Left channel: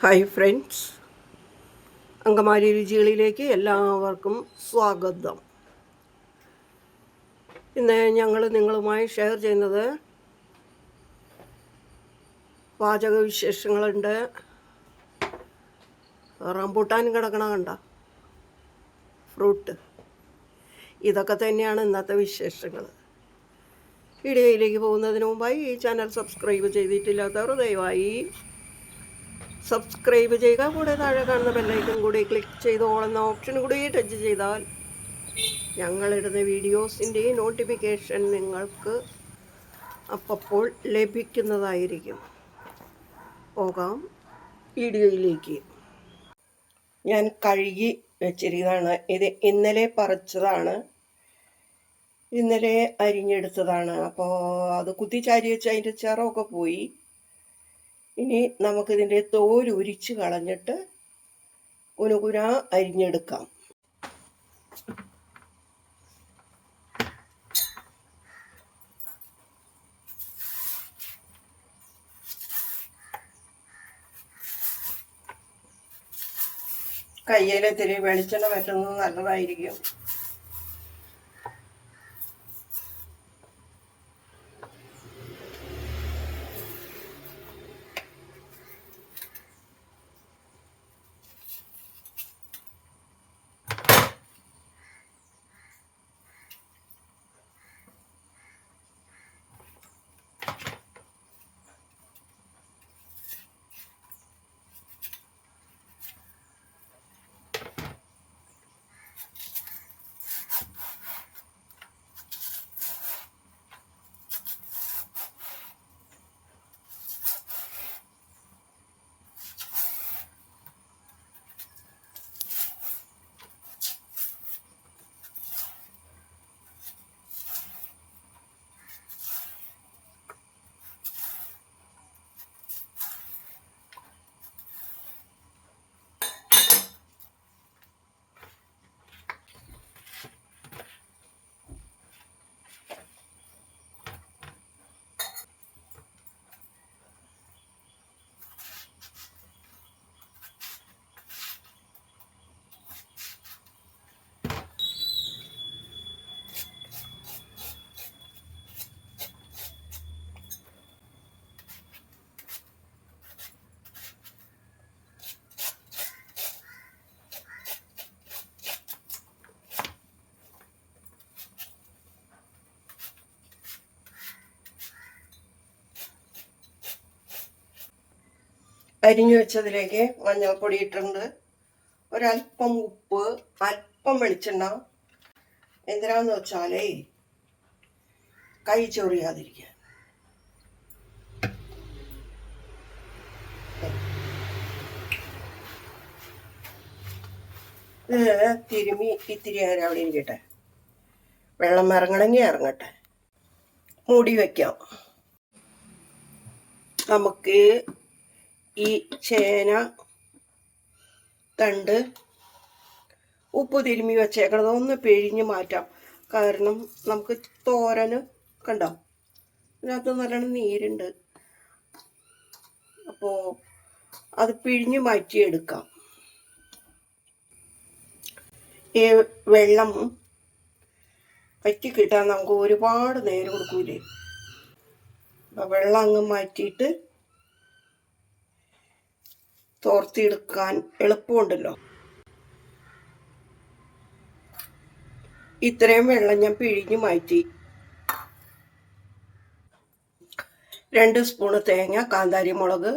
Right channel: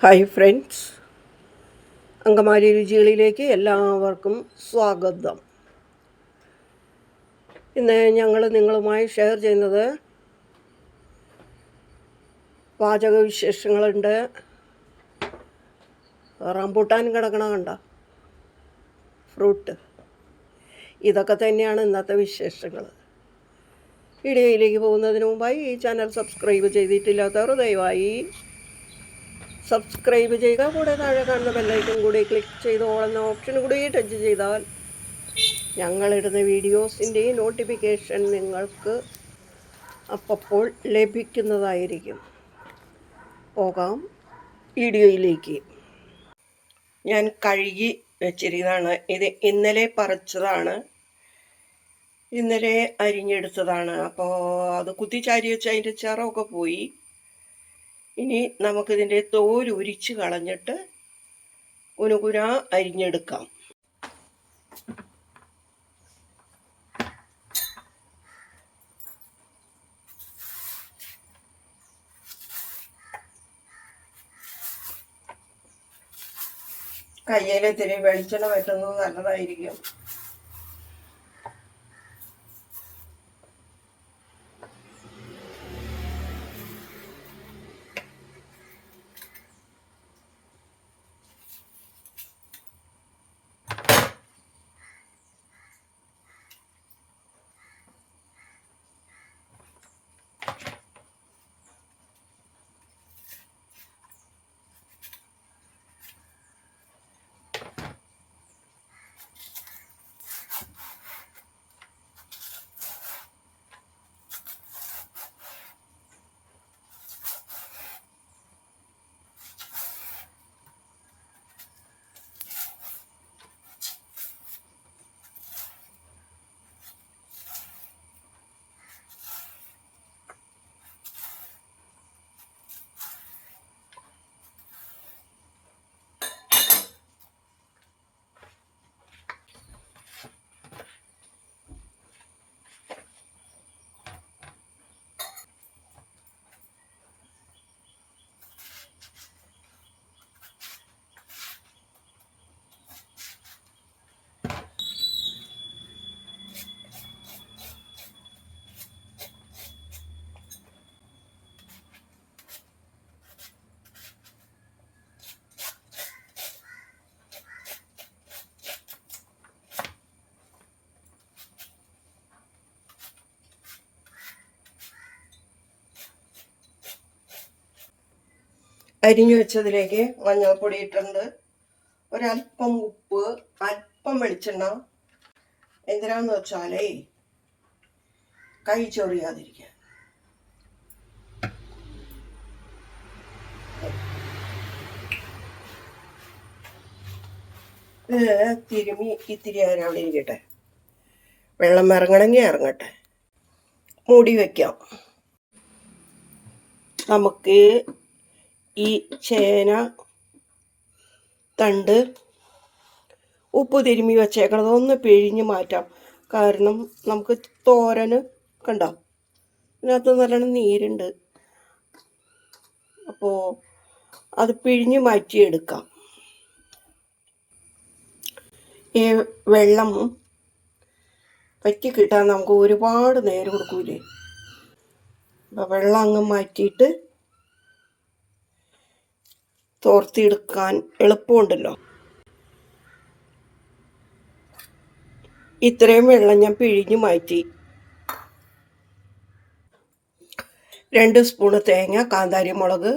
Hi friends, Angamaly രുചികളിലേക്ക് എല്ലാവർക്കും സ്വാഗതം. ഇന്ന് ഞങ്ങൾ നിങ്ങളുമായി ഷെയർ ചെയ്യുന്നത് പാചക വിശേഷങ്ങളുണ്ട്. റംബൂട്ടാൻ കിടക്കണ കണ്ട ഫ്രൂട്ട്, ഇതൊക്കെ തന്നെയാണ് ഇന്നത്തെ വിശേഷങ്ങൾ. വീഡിയോയിലേക്ക് പോകുന്നതിന് മുമ്പായി ഈ ചാനൽ സബ്സ്ക്രൈബ് ചെയ്തിട്ടില്ലാത്തവർ ദയവായി സബ്സ്ക്രൈബ് ചെയ്യുക. കൂടെ താഴെ കാണുന്ന ബെല്ലൈക്കൺ കൂടി ക്ലിക്ക് ചെയ്ത് ഓൾ എന്ന ഓപ്ഷൻ കൂടി ടച്ച് ചെയ്താൽ ഞങ്ങളിടുന്ന വീഡിയോസിൻ്റെ നോട്ടിഫിക്കേഷൻ നിങ്ങൾക്ക് അപ്പോൾ ലഭിക്കുന്നതായിരിക്കും. പോകാം വീഡിയോയിലേക്ക്. ഞാൻ കഴുകി വെച്ചിരിക്കുന്നതാണ്. ഇത് ഇന്നലെ പറിച്ചതാണ്, ഇന്നലെ അരിഞ്ഞെടുത്തതാണ്. അപ്പോൾ അത് കുത്തിച്ചാരി വെച്ച് അതിൻ്റെ ചിറമൊക്കെ പോയി. ഇനി നമുക്കിതിൻ്റെ തോൽ ഉരിച്ച് കളഞ്ഞിട്ട് കുനുകുന അരിഞ്ഞെടുക്കാം. കയ്യിലിത്തിരി വെളിച്ചെണ്ണ പറ്റുന്നത് നല്ലതായിരിക്കും. അരിഞ്ഞു വെച്ചതിലേക്ക് മഞ്ഞൾപ്പൊടി ഇട്ടിട്ടുണ്ട്, ഒരല്പം ഉപ്പ്, അല്പം വെളിച്ചെണ്ണ. എന്തിനാന്ന് വെച്ചാലേ കൈ ചൊറിയാതിരിക്കാൻ. ഇത് തിരുമി ഇത്തിരി നേരം അവിടെ ഇരിക്കട്ടെ. വെള്ളം ഇറങ്ങണമെങ്കിൽ ഇറങ്ങട്ടെ. മൂടി വയ്ക്കാം. നമുക്ക് ഈ ചേന തണ്ട് ഉപ്പ് തിരുമ്മി വച്ചേക്കണത് ഒന്ന് പിഴിഞ്ഞ് മാറ്റാം. കാരണം നമുക്ക് തോരന് കണ്ടോ, ഇതിനകത്ത് നല്ലോണം നീരുണ്ട്. അപ്പോൾ അത് പിഴിഞ്ഞ് മാറ്റിയെടുക്കാം. ഈ വെള്ളം വറ്റി കിട്ടാൻ നമുക്ക് ഒരുപാട് നേരം കൊടുക്കൂലേ. അപ്പം വെള്ളം അങ്ങ് മാറ്റിയിട്ട് തോർത്തിയെടുക്കാൻ എളുപ്പമുണ്ടല്ലോ. ഇത്രയും വെള്ളം ഞാൻ പിഴിഞ്ഞു മാറ്റി. 2 സ്പൂണ് തേങ്ങ, കാന്താരി മുളക്,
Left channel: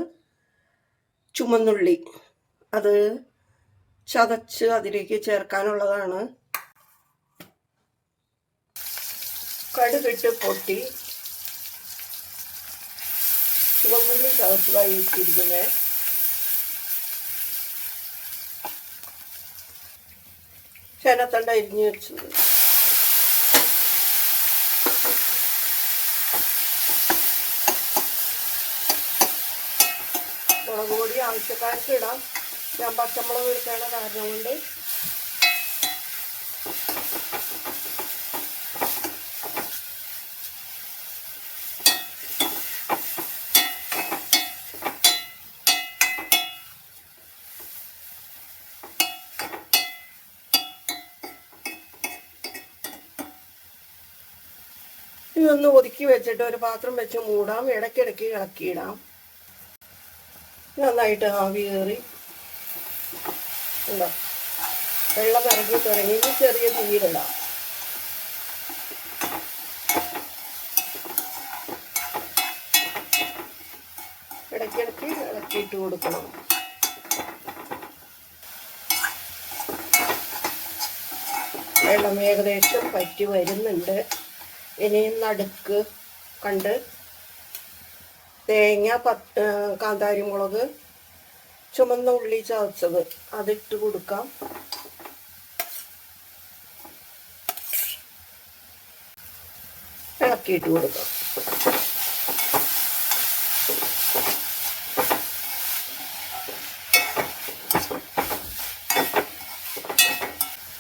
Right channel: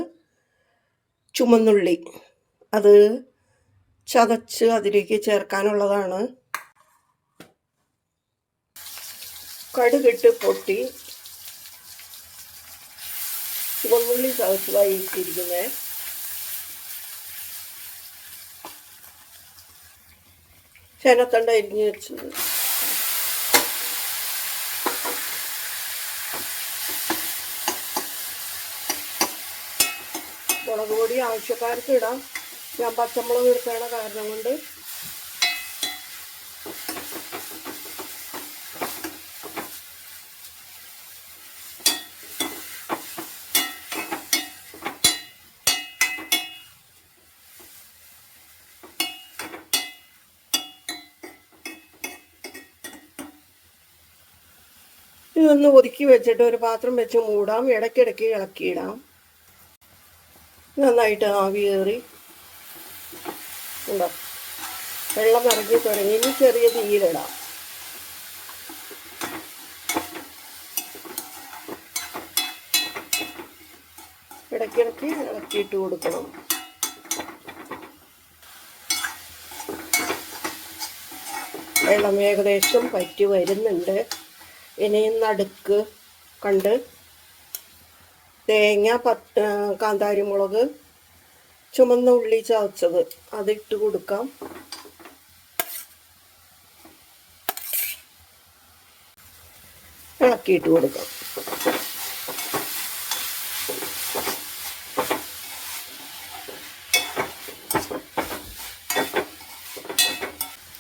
ചുമന്നുള്ളി അത് ചതച്ച് അതിലേക്ക് ചേർക്കാനുള്ളതാണ്. കടുകിട്ട് പൊട്ടി ചുമന്നുള്ളി ചതച്ചതായി ഇട്ടിരിക്കുന്നത്. ചേനത്തണ്ട അരിഞ്ഞ് വെച്ചത്, മുളക് പൊടി ആവശ്യക്കാർക്ക് ഇടാം. ഞാൻ പച്ചമുളക് എടുക്കണ കാരണം കൊണ്ട് ഇതൊന്ന് ഒതുക്കി വെച്ചിട്ട് ഒരു പാത്രം വെച്ച് മൂടാം. ഇടയ്ക്കിടയ്ക്ക് ഇളക്കിയിടാം. നന്നായിട്ട് ആവി കയറി ഉണ്ടോ, വെള്ളം ഇറങ്ങി തുടങ്ങി. ഇനി ചെറിയ തീയിലിടാം. ഇടയ്ക്കിടയ്ക്ക് ഇളക്കിയിട്ട് കൊടുക്കണം. വെള്ളം ഏകദേശം പറ്റി വരുന്നുണ്ട്. ഇനിയും നടുക്ക് കണ്ട് തേങ്ങ, കാന്താരിമുളക്, ചുമന്ന ഉള്ളി ചതച്ചത് അതിട്ട് കൊടുക്കാം. ഇളക്കിയിട്ട് കൊടുക്കാം.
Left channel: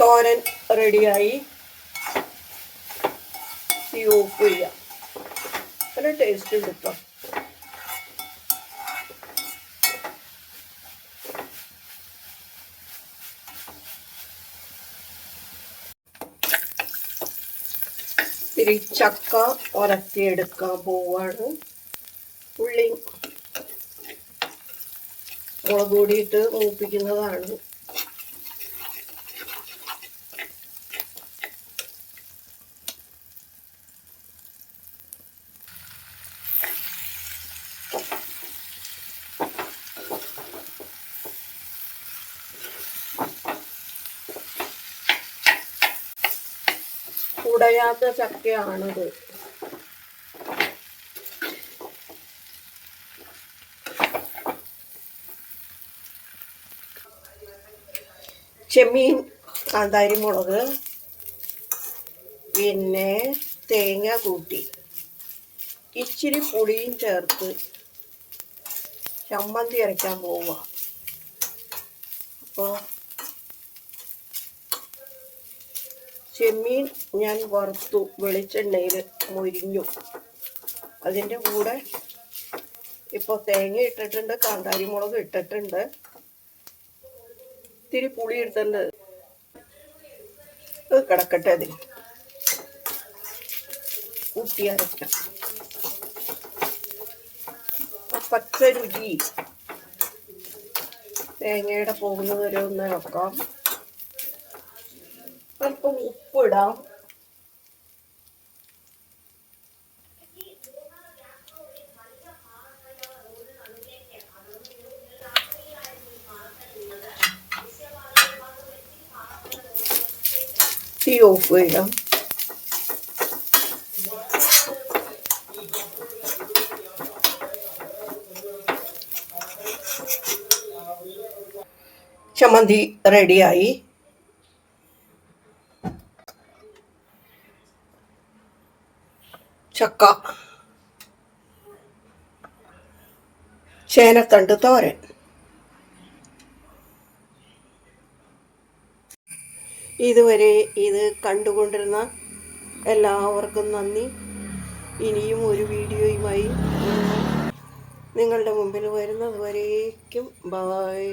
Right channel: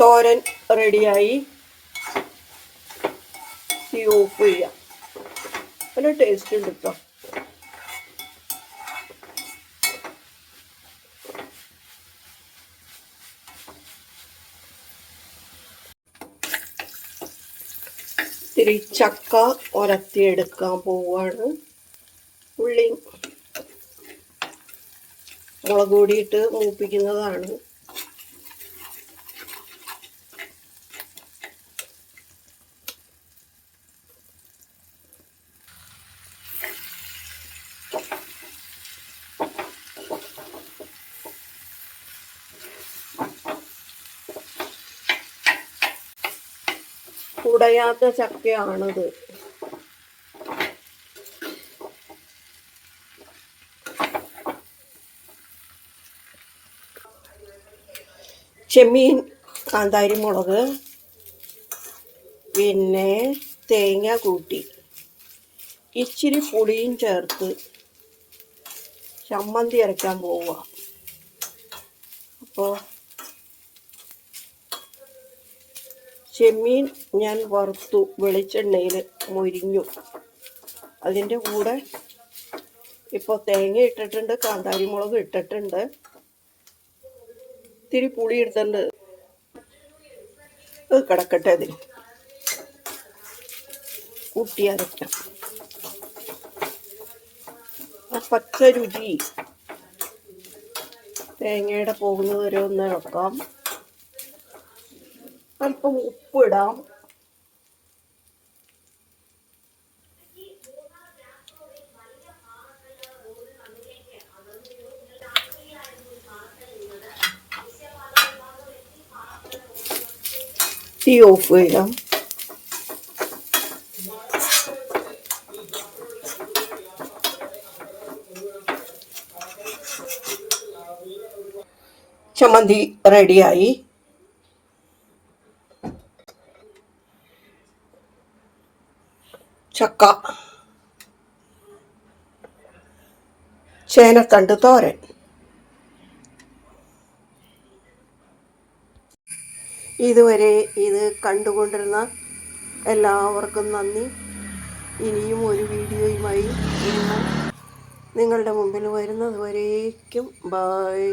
തോരൻ റെഡിയായി. തീ ഓഫ് ചെയ്യാം. നല്ല ടേസ്റ്റ് ഉണ്ട് കേട്ടോ. ഇത്തിരി ചക്ക ഉലത്തിയെടുക്കാൻ പോവാണ്. ഉള്ളി മുളക് പൊടിയിട്ട് മൂപ്പിക്കുന്നതാണ്. ഉടയാത്ത ചക്കയാണിത്. ചെമ്മീൻ, കാന്താരിമുളക്, പിന്നെ തേങ്ങ കൂട്ടി ഇച്ചിരി പുളിയും ചേർത്ത് ചമ്മന്തി അരയ്ക്കാൻ പോവുക. അപ്പോൾ ചെമ്മീൻ ഞാൻ വറുത്തു, വെളിച്ചെണ്ണയിൽ മൊരിഞ്ഞു. അതിൻ്റെ കൂടെ ഇപ്പോൾ തേങ്ങ ഇട്ടിട്ടുണ്ട്, കാന്താരിമുളക് ഇട്ടിട്ടുണ്ട്, ഇത്തിരി പുളി എടുത്തിട്ടുണ്ട്. അത് കിടക്കട്ടെ. അതിൽ കൂട്ടി അരയ്ക്കാം. പച്ച രുചി തേങ്ങയുടെ പോകുന്നത് വരെ ഒന്ന് ഇളക്കാം. അല്പം ഉപ്പിടാം. തീ ഓഫ് ചെയ്യാം. ചമ്മന്തി റെഡിയായി. ചക്ക, ചേനത്തണ്ട് തോരൻ. ഇതുവരെ ഇത് കണ്ടുകൊണ്ടിരുന്ന എല്ലാവർക്കും നന്ദി. ഇനിയും ഒരു വീഡിയോയുമായി നിങ്ങളുടെ മുമ്പിൽ വരുന്നത് വരേക്കും ബൈ.